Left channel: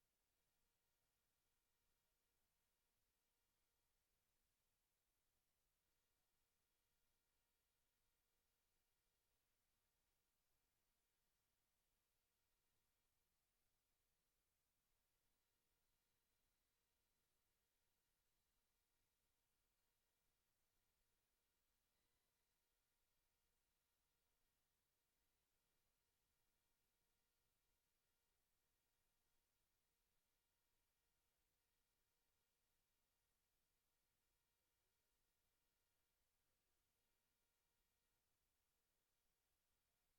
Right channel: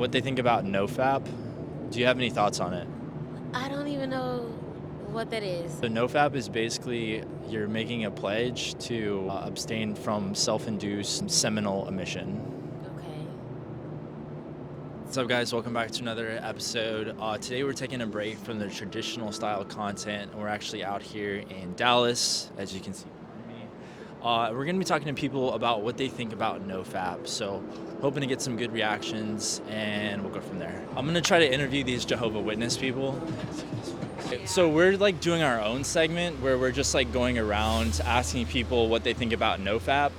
What they think about NoFap. Do you have any thoughts on it? I don't even know what that is. So NoFap is basically you're making a pledge to abstain from self-induced seminal emission. Okay. What's up, guys? Welcome back to another episode. Today we're taking a break from the traditional style content. We're actually out here in Dallas, as you can see behind me. We're going to be talking to people about what they think about NoFap. So hoping to get some good reactions, and we'll go from there. I'm going to try to interview these Jehovah's Witness people. So we're like doing our own segment where we're just like going around asking people what they think about NoFap.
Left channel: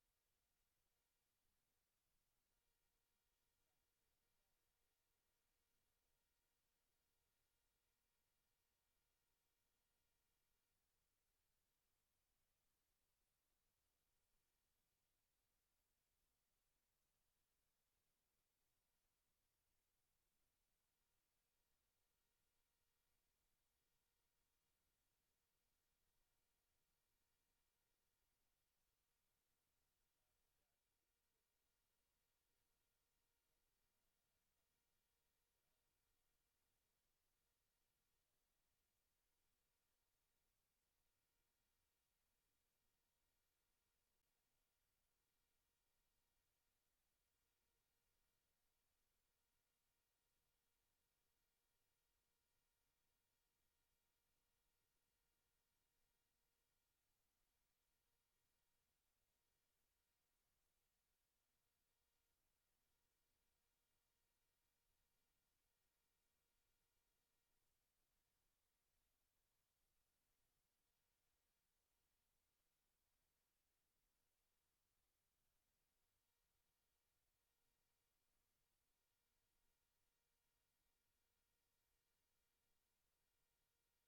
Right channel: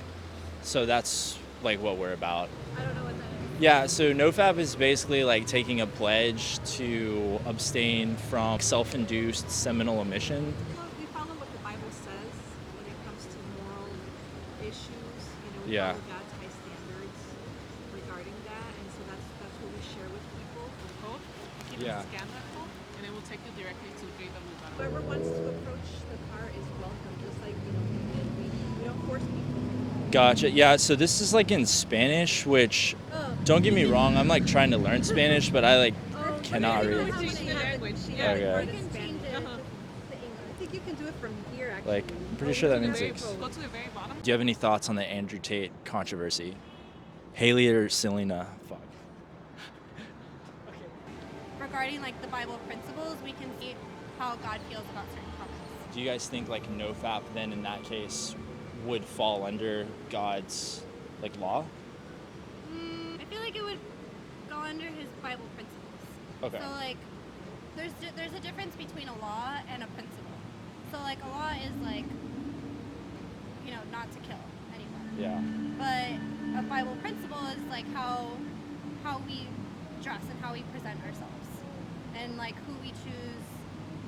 So that's like what we're about. I don't know what that is. Yeah, so NoFap is basically like taking a pledge to abstain from self-induced seminal emission. We follow what the Bible says when it comes to moral issues. We Yeah. follow God's high standards regarding that, and so that's what we share with people. Code. You can Yeah. scan that code, and it will take you directly to the page that we got. Whoever wants to approach the car is welcome, just like we don't force people. Gotcha. Yeah, so this is like in Spanish, which don't get me wrong, I'm like trying to learn Spanish, but I like cannot read. Change the language. Yeah, Okay. you can change it to English. I think you can do it from here, actually. Like, I'm pretty sure that means Go like. to the very bottom. Do you have any thoughts on the Andrew Tate controversy? Haley or Selena? Fuck. Regarding like the Bible principles, we can see how God feels about certain topics. Do you guys think like NoFap then in that case would fall under God's like law? I feel like it would go under his Bible principles. Okay. So like, there's a difference between a law and a principle. So like a law is like, not to kill anyone. Yeah. But a Bible principle is like how we dress and how we present ourselves, and like who we choose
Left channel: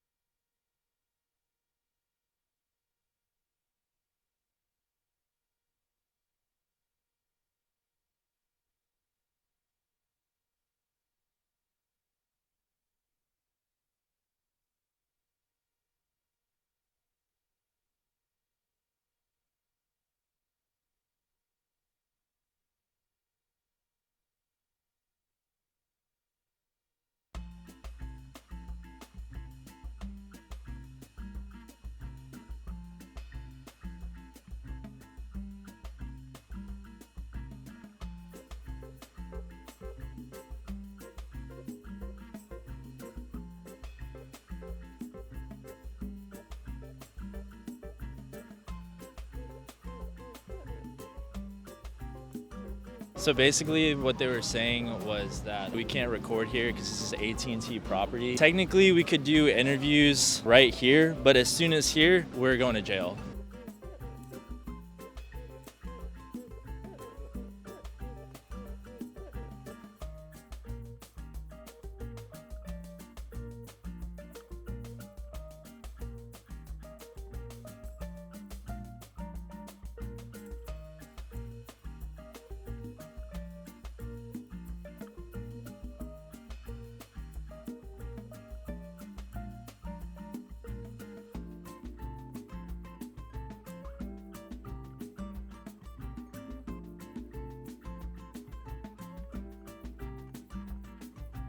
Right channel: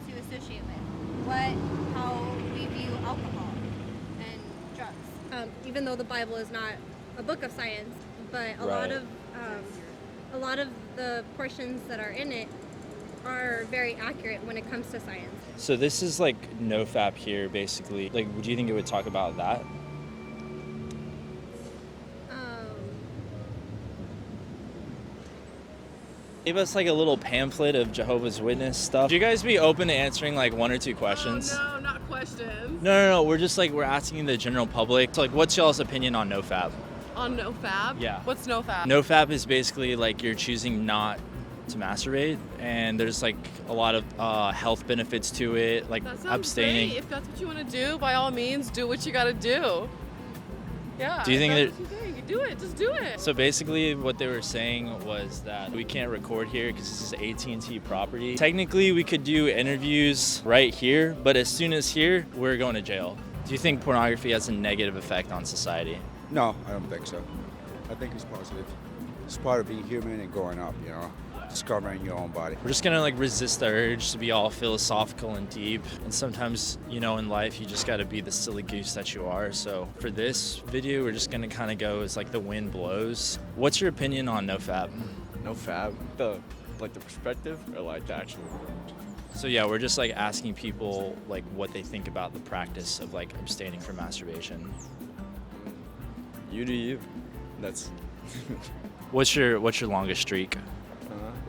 to associate with, how we view alcohol and drugs. Even though the Bible is not a book of science, but a lot of the portions that are in it are very accurate when it comes to science. So this is like NoFap here basically. Like, do you think it would talk about that? Give us like a little pamphlet of Jehovah's Witness stuff. Would you guys be open to answering like one or two questions? No, not questions. No. We're just like, we're asking the general public. So like, what's y'all's opinion on NoFap? On NoFap? Yeah. What's NoFap? NoFap is basically like you're choosing not to masturbate, and there's like a lot of health benefits to it, like That sounds abstaining. great. If that's what you want to do, by all means, do what you got to do. Yeah. Do you think if that- that's what you're doing, you do it. Just do it. So basically what they were saying was that we can't record here because this is AT&T property. Technically we could do interviews right here, but as soon as here, we're going to jail. Do you think pornography has a negative effect on society? No, I don't think so. I think it's positive. It's part of being human and growing up, discovering your own body. We're just gonna like resist the urge to be all philosophical and deep. And sometimes, in life you just gotta be the silly goose that you are. So for this video, we're just gonna kind of go as like the wind blows. What's your opinion on NoFap? NoFap, the perspective or like the actual word? So yeah, we're just like asking people like what they think about the practice of like abstaining from masturbation. You do you. That's What's your longest streak?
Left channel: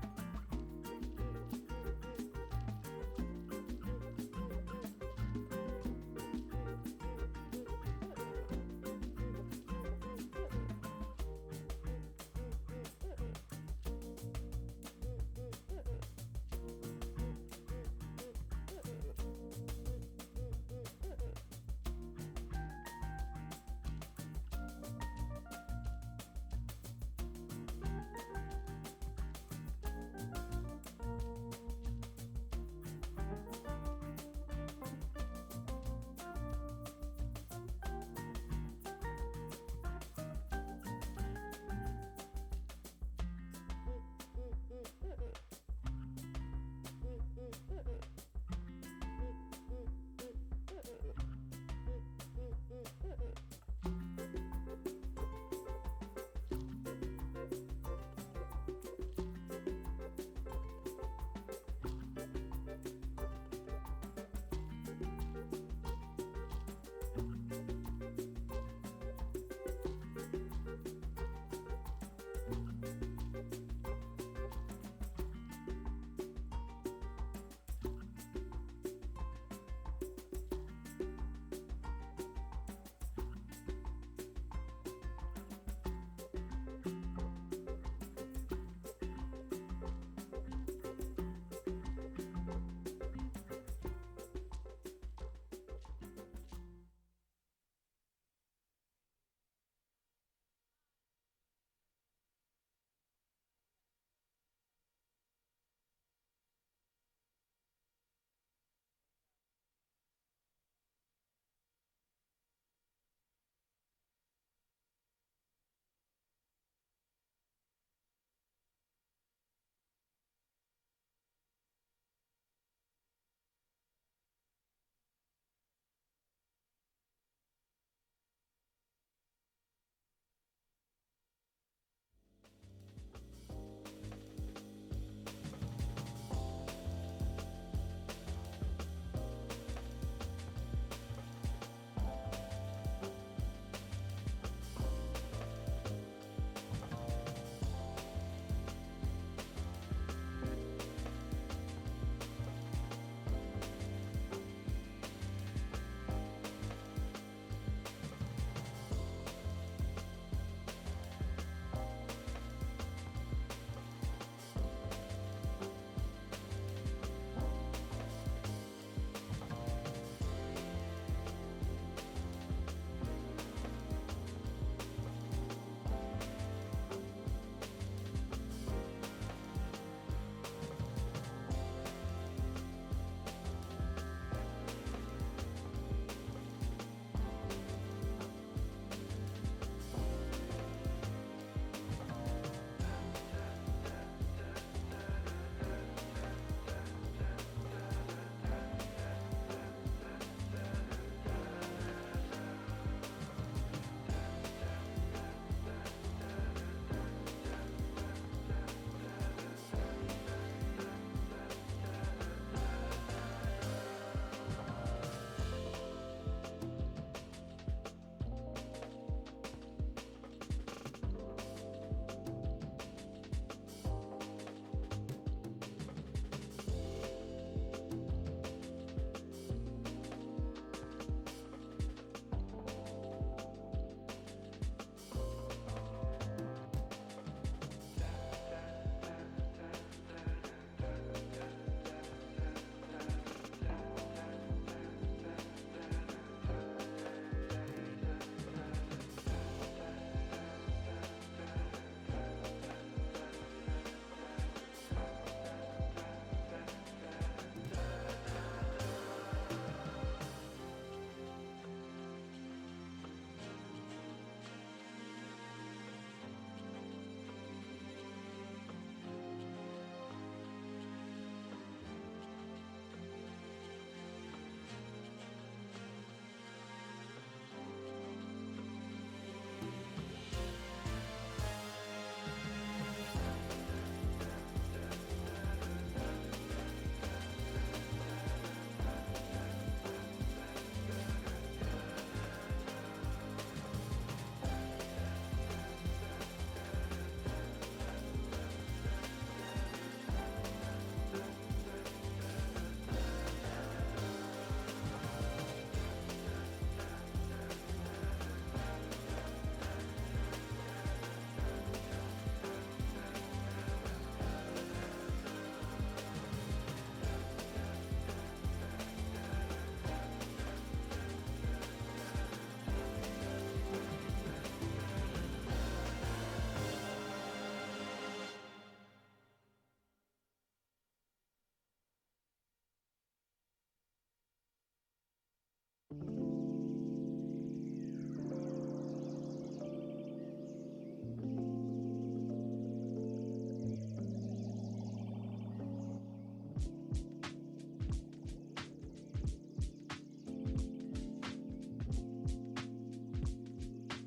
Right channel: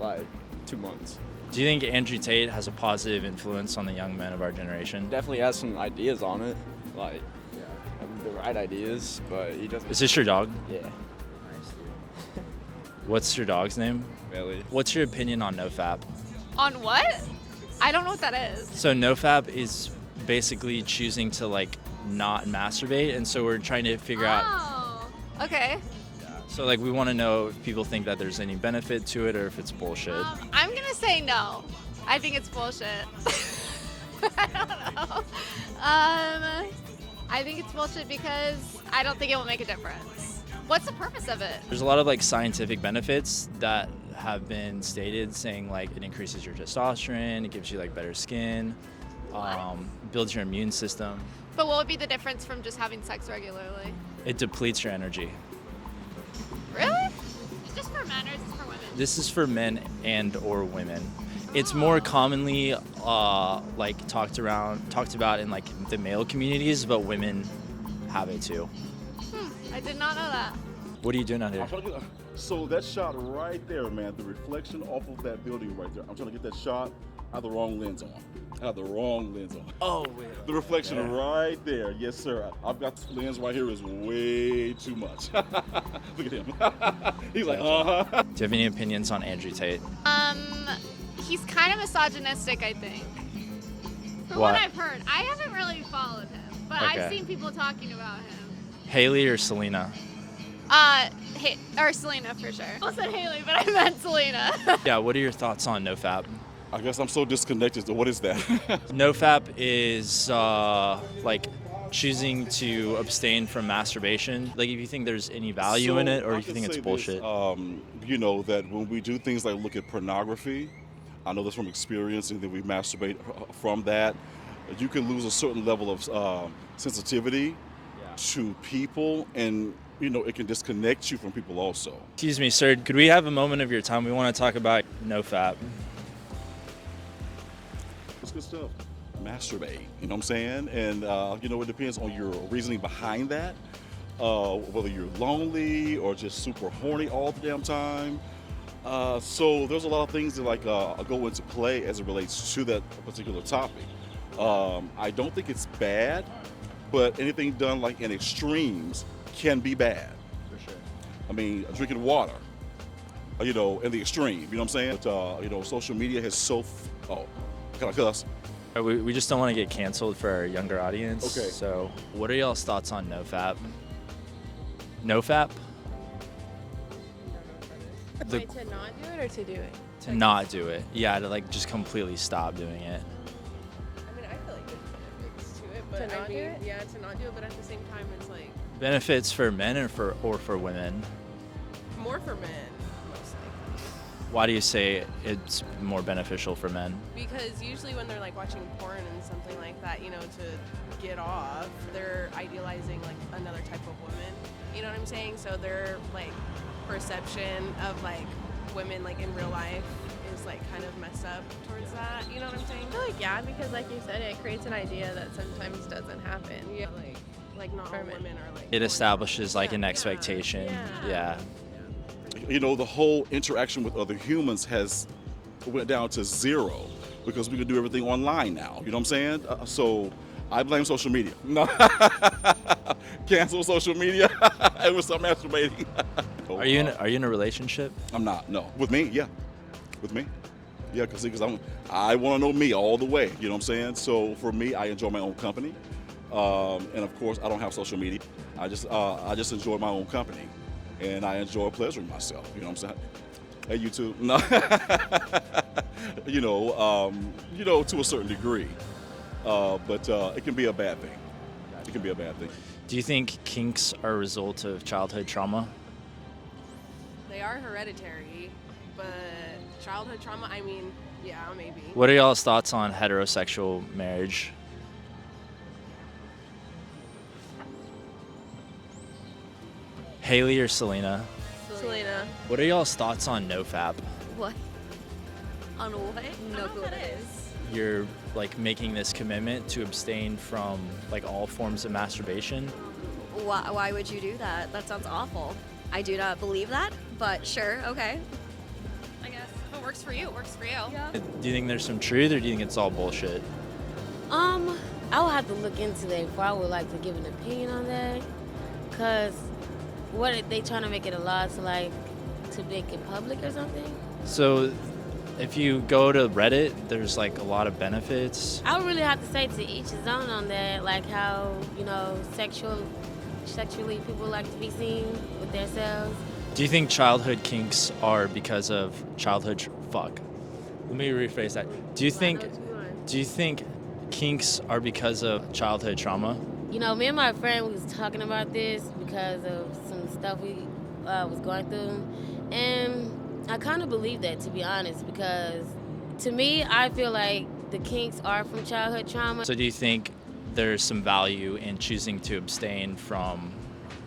like 2 months. Do you think Andrew Tate has a positive influence on the young men of our generation? Definitely has some ideas on it, like the right ideas, but he doesn't. Is this your dog? Yeah, What's your dog's name? really. What's your opinion on NoFap? On what? I don't know what that is. So NoFap is basically choosing to like not masturbate, and so we're trying to figure out. Oh, okay. So like we want to know if people think that there's any benefit to it or if it's bullshit. I'm gonna say no. I think it's bullshit. I don't know. I think it's bullshit because I don't think it will make a difference. What's the purpose of it? There's a lot of like scientific benefits that have been stated, saying like it increases your testosterone, it gives you like better skin, builds your immune system. But what would be the difference from just having sex regularly? It depletes your energy. Really? Is this for men or is this for women? This is for men and or women. It's more commonly like talked about in like the male communities, but women have it too. I did not know that. What are you doing out here? So that shot right there, man, the reflection off of that building right there. I'm trying to get that shot. I have the wrong lens on. Oh, wait. The reflection right there. Yes, sir. I've got the lens right here is way too much. Look at him. He's like, uh-huh. Do you have any opinions on Andrew Tate? He's kind of misogynistic, I think. From What? what I've heard. I haven't really followed him, but Okay. I've seen people talking about him. Haley or Selena? Or Selena for sure. I said Haley, but I meant Selena. Yeah, what are your thoughts on NoFap? I guess I'm so disconnected. What is that? NoFap is like choosing to abstain from masturbation. Like, if you think there's any value in it, or I if you can think it's say bullshit. This, you know, that when we do things like look at pornography, I know this from experience, and then we masturbate from that, you can lose a certain level of sensitivity to people, and you know, it can disconnect you from people also. Excuse me, sir, could we have a moment of your time? We want to talk about NoFap. It's good stuff. Masturbate, you know what I'm saying? And you know, it depends on your reasoning behind that. Whether you're lonely or just super horny all the damn time. So there's a lot of things that go into play as it relates to that particular topic. I don't think it's bad, but anything done like in extremes can be bad. For sure. I mean, drinking water, you know, in the extreme, you know what I'm saying? But, you know, social media has can I cuss? We just don't want to get canceled for our younger audience. Okay. So, what are y'all's thoughts on NoFap? NoFap? The- Wait, to not do it or to do it? To not do it. Yeah, to like just completely stop doing it. I mean, I feel like it's to it, but To not do it? yeah, to not do it, but at the same time, it's like Benefits for men or for women? more for men, mostly. Why do you say it's more beneficial for men? Because usually when they're like watching porn and something like that, you know, to get off, they're idealizing like another type of woman. You know what I'm saying? So their like perception of like women like in real life is like kind of messed up towards that. You know what I'm saying? I feel like yeah, because like you said, it creates an idea that sometimes doesn't happen. Yeah, like not all women are like. It establishes like an expectation. Yeah. You know, the whole interaction with other humans went down to zero because we can do everything online now. You know what I'm saying? So I blame social media. No, cancel social media and we'll start masturbating. Are you in a relationship? I'm not. No. With me, yeah. With me, yeah. Because I want to know me all the way. You know what I'm saying? So for me, I enjoy my own company, and of course, I don't have social media. I just enjoy my own company. And I enjoy pleasuring myself, you know what I'm saying? Hey, you too. No. you know, to a certain degree. But it can be a bad thing. It can be a bad thing. Do you think kinks are a result of childhood trauma? They are hereditary, but childhood trauma, I mean, yeah, maybe. What are y'all's thoughts on heterosexual marriage? Haley or Selena? Selena. What are y'all's thoughts on NoFap? What? On what? No clue what it is. You're like making this commitment to abstain from like all forms of masturbation. Why would you do that? That sounds awful. I do not believe that, but sure, okay. I guess if it works for you, it works for you. Do you think there's some truth, or do you think it's all bullshit? I would have to look into that before I would like to give an opinion on that. Cause what are they trying to make it a law to like to make it public or something? So, if you go to Reddit, there's like a lot of benefits. I would really have to say to each his own on that, like how, you know, sexually people like to be seen with themselves. Do you think childhood kinks are because of childhood? Fuck. Let me rephrase that. Do you think kinks are because of childhood trauma? You know, me and my friend was talking about this because of some stuff we was going through, and I kind of believe that, to be honest, because to me, I feel like the kinks are from childhood trauma. So do you think there's some value in choosing to abstain from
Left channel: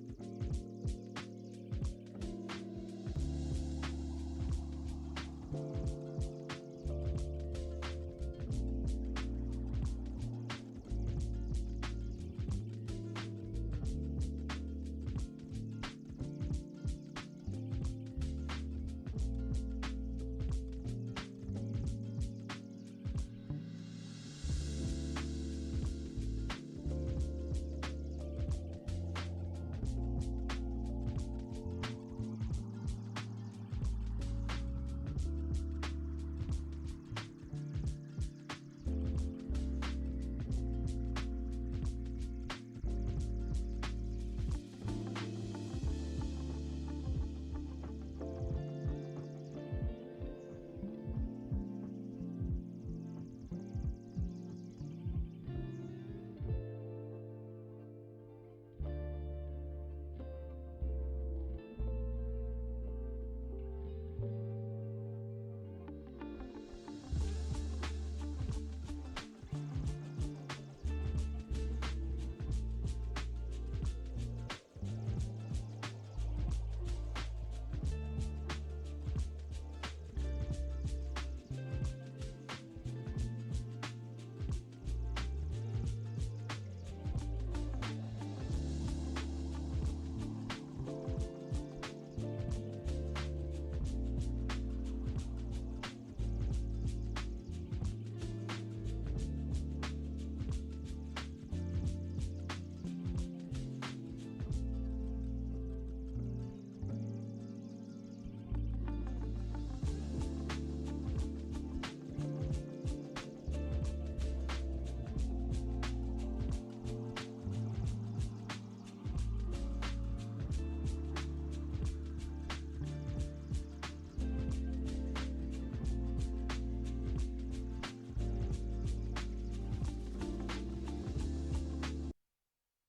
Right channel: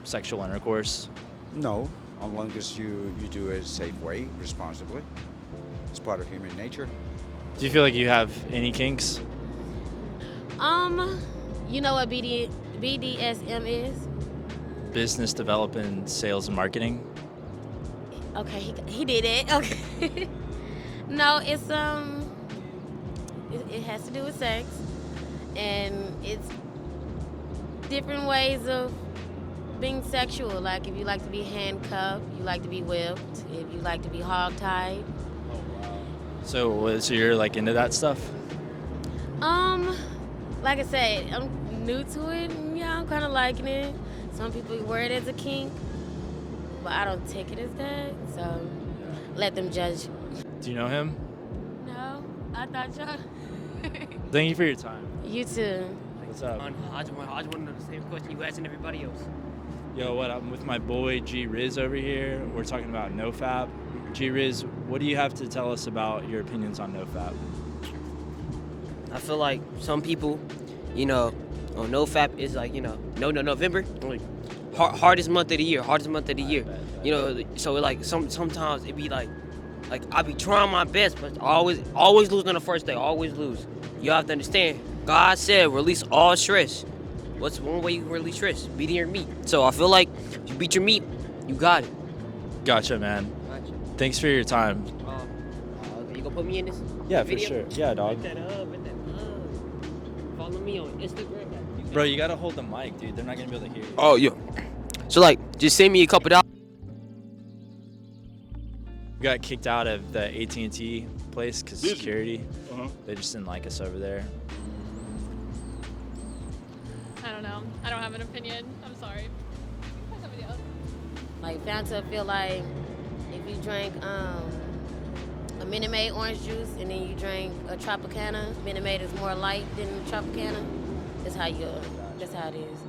sexual intercourse? No, as long as you do it a safe way, responsibly. It's part of human nature. Do you feel like you have any kinks? You know what BDSM is? Business development, sales, and marketing? Okay, he did it. Okay. No, it's it has to do with sex, and it's different ways of being sexual. Like if you like to be handcuffed, you like to be whipped. If you like to be hogtied. So you're like into that stuff? Like I said, I'm new to it. And yeah, I'm kind of liking it. Some people wear it as a kink, but I don't take it as that. So let them judge. Do you know him? No, I thought y'all. Thank you for your time. You too. What's up? I just want to know the same question you asking everybody else. Yo, what? I'm with my boy G Riz over here. We're talking about NoFap. G Riz, what do you have to tell us about your opinions on NoFap? I feel like some people, you know, on NoFap is like, you know, November, like, hardest month of the year, You know, so like sometimes it be like I be trying my best, but always lose on the first day, always lose. You have to understand, God said release all stress. What's one way you can release stress? Beating your meat. So I feel like if you beat your meat, you got it. Gotcha, man. Thanks for your time. You gonna put me in this? Yeah, video? for sure. Yeah, dog. Follow me on Instagram. Bro, you gotta hold the mic, dude. They're not gonna be able to hear you. Oh, yeah. So like, just send me a couple dollars. We got kicked out of the AT&T place because security. They just didn't like us over there. I don't know. I don't have an opinion. I'm sorry. Somebody else. Like Fanta feel like if you drank a Minute Maid orange juice and then you drank a Tropicana, Minute Maid is more light than Tropicana. That's how it is.